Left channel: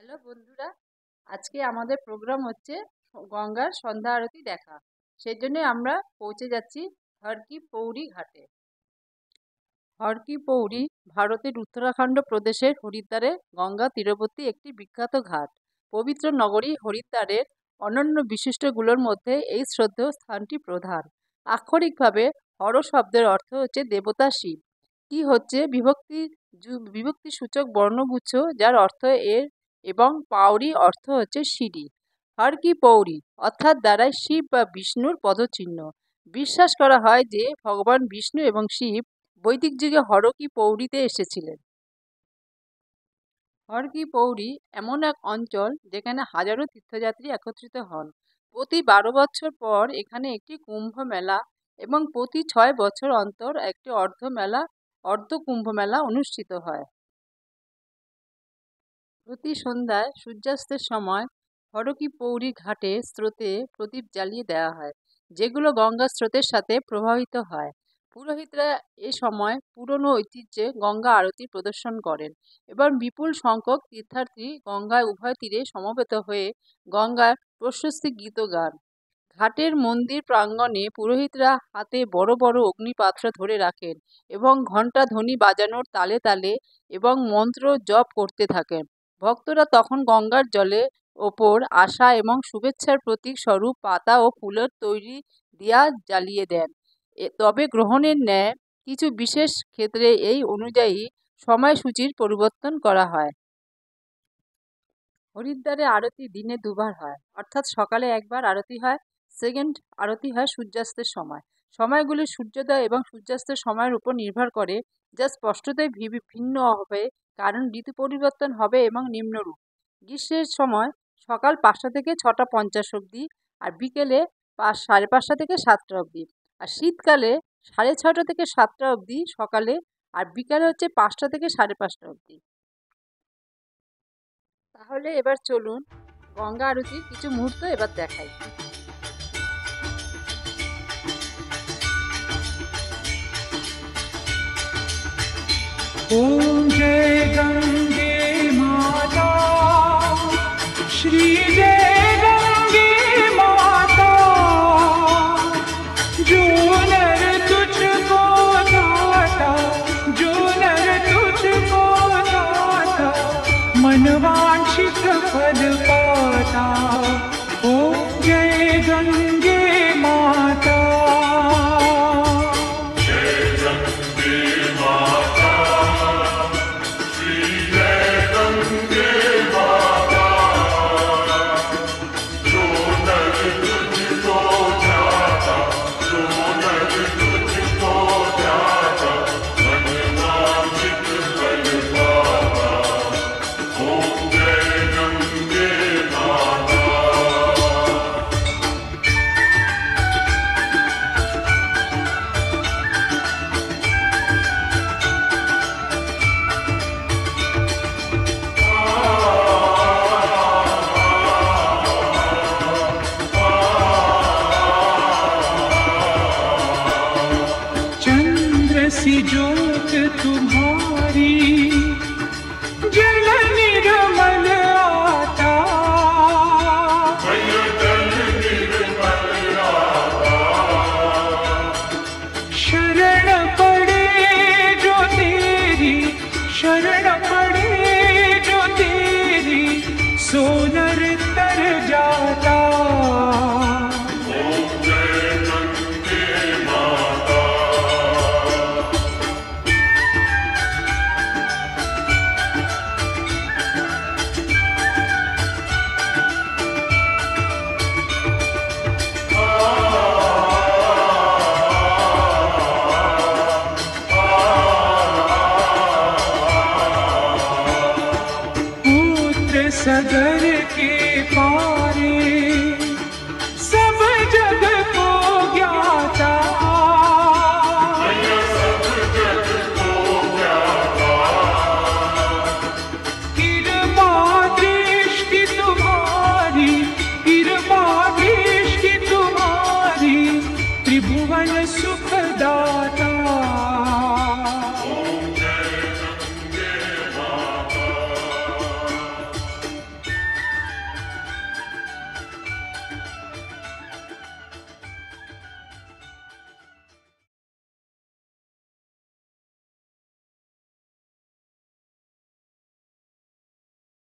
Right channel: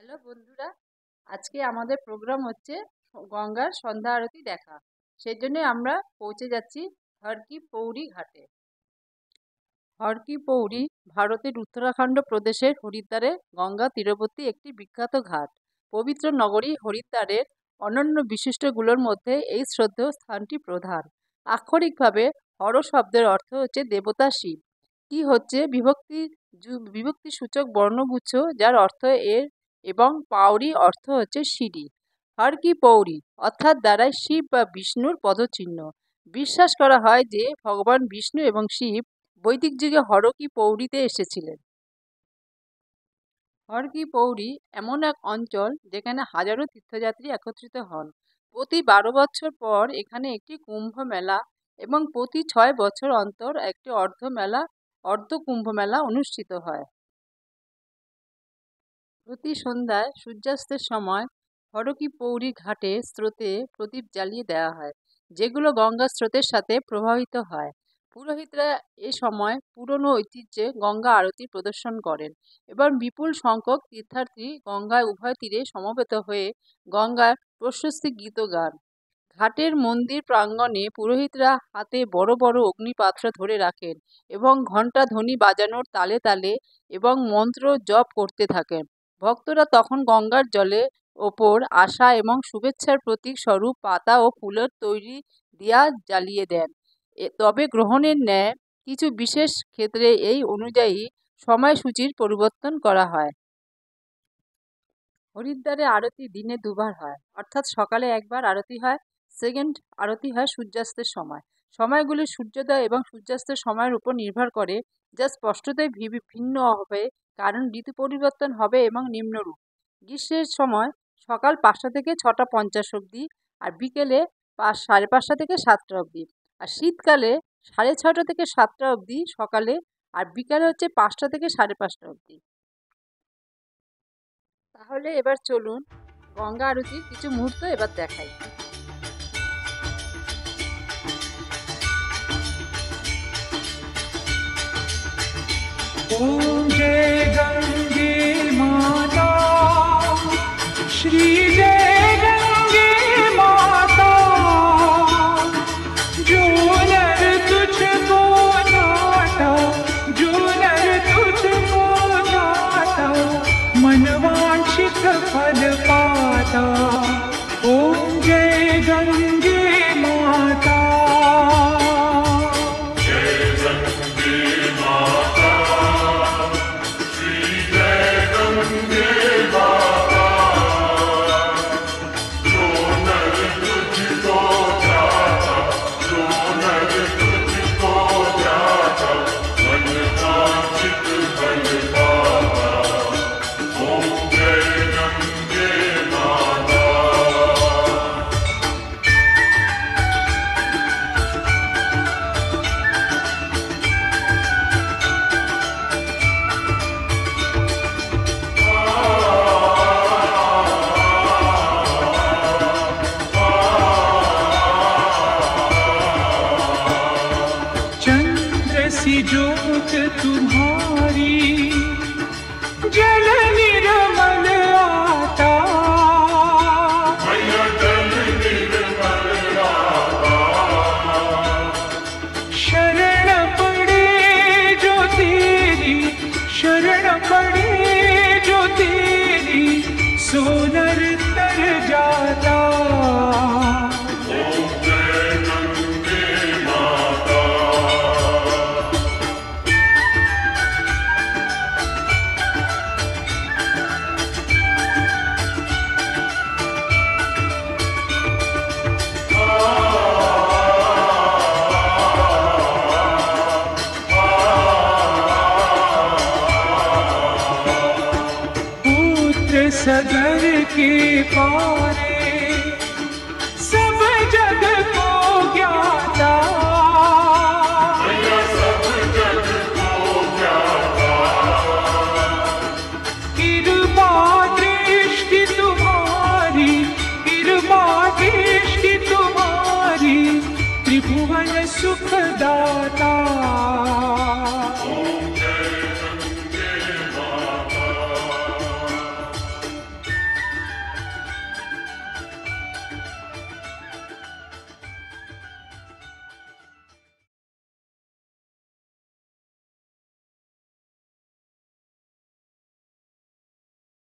Hello বন্ধুরা, আজকে আমাদের প্রোগ্রাম হচ্ছে গঙ্গার সন্ধ্যা আরতি দেখা। সেই জন্য আমরা পৌঁছে যাচ্ছি হর কি পৌরি ঘাটে। হর কি পৌরি ভারতের উত্তরাখণ্ড প্রদেশের হরিদ্বারে গঙ্গা তীরবর্তী একটি বিখ্যাত ঘাট। পবিত্র নগরী হরিদ্বারের অনন্য বিশিষ্টগুলোর মধ্যে এই শ্রদ্ধেয় স্থানটি প্রধান। আক্ষরিকভাবে হর শব্দের অর্থ হচ্ছে দেবতা শিব। কি হচ্ছে বিভক্তি সূচক বর্ণগুচ্ছ, যার অর্থ এর, এবং পাউরি অর্থ হচ্ছে সিঁড়ি। হর কি পৌরি অর্থাৎ দ্বারাই শিব বা বিষ্ণুর পদচিহ্ন। বিশ্বাস করা হয় যে ভগবান বিষ্ণু এবং শিব বৈদিক যুগে হর কি পৌরিতে এসেছিলেন। হর কি পৌরি এমন এক অঞ্চল যেখানে হাজারো তীর্থযাত্রী একত্রিত হন। প্রতি 12 বছর পর এখানে একটি কুম্ভ মেলা এবং প্রতি 6 বছর অন্তর একটি অর্ধ কুম্ভ মেলা অনুষ্ঠিত হয়। প্রতি সন্ধ্যায় সূর্যাস্তের সময় হর কি পৌরি ঘাটে স্রোতে প্রদীপ জ্বালিয়ে দেওয়া হয়, যেগুলো গঙ্গা স্রোতের সাথে প্রবাহিত হয়। পুরোহিতরা এ সময় পুরনো ঐতিহ্যে গঙ্গা আরতি প্রদর্শন করেন এবং বিপুল সংখ্যক তীর্থার্থী গঙ্গায় উভয় তীরে সমবেত হয়ে গঙ্গার প্রশস্তি গীত গান। ঘাটের মন্দির প্রাঙ্গণে পুরোহিতরা হাতে বড় বড় অগ্নিপাত্র ধরে রাখেন এবং ঘণ্টা ধ্বনি বাজানোর তালে তালে এবং মন্ত্র জপ করতে থাকেন। ভক্তরা তখন গঙ্গার জলের ওপর আশা এবং শুভেচ্ছার প্রতীক স্বরূপ পাতা ও ফুলের তৈরি দিয়া জ্বালিয়ে দেন। তবে গ্রহণের ন্যায় কিছু বিশেষ ক্ষেত্রে এই অনুযায়ী সময়সূচির পরিবর্তন করা হয়। হরিদ্বারে আরতি দিনে দুবার হয়, অর্থাৎ সকালে একবার আরতি হয়, সেকেন্ড আরতি হয় সূর্যাস্তের সময়। সময়গুলি সূর্যোদয় এবং সূর্যাস্তের সময়ের উপর নির্ভর করে, যা স্পষ্টতই ভিন্ন হবে কারণ ঋতু পরিবর্তন হবে এবং নিম্নরূপ। গ্রীষ্মের সময় সকাল 5টা থেকে 6:50 অবধি, আর বিকেলে 5:30 থেকে 7টা অবধি। আর শীতকালে 6:30 থেকে 7টা অবধি সকালে, আর বিকালে হচ্ছে 5টা থেকে 5:30 অবধি। তাহলে এবার চলুন গঙ্গা আরতির কিছু মুহূর্ত এবার দেখাই। ओम जय गंगे माता, श्री जय गंगे माता, जो नर तुझको नाता, जो नर तुझको नाता, मनवांछित फल पाता। ओम जय गंगे माता। चंद्र सी ज्योत तुम्हारी, जल निर्मल आता, शरण पड़े जो तेरी, शरण पड़े जो तेरी, सोनर तर जाता। सगर के पारे सब जग को ज्ञाता, कृपा दृष्टि तुम्हारी, कृपा दृष्टि तुम्हारी, त्रिभुवन सुखदाता।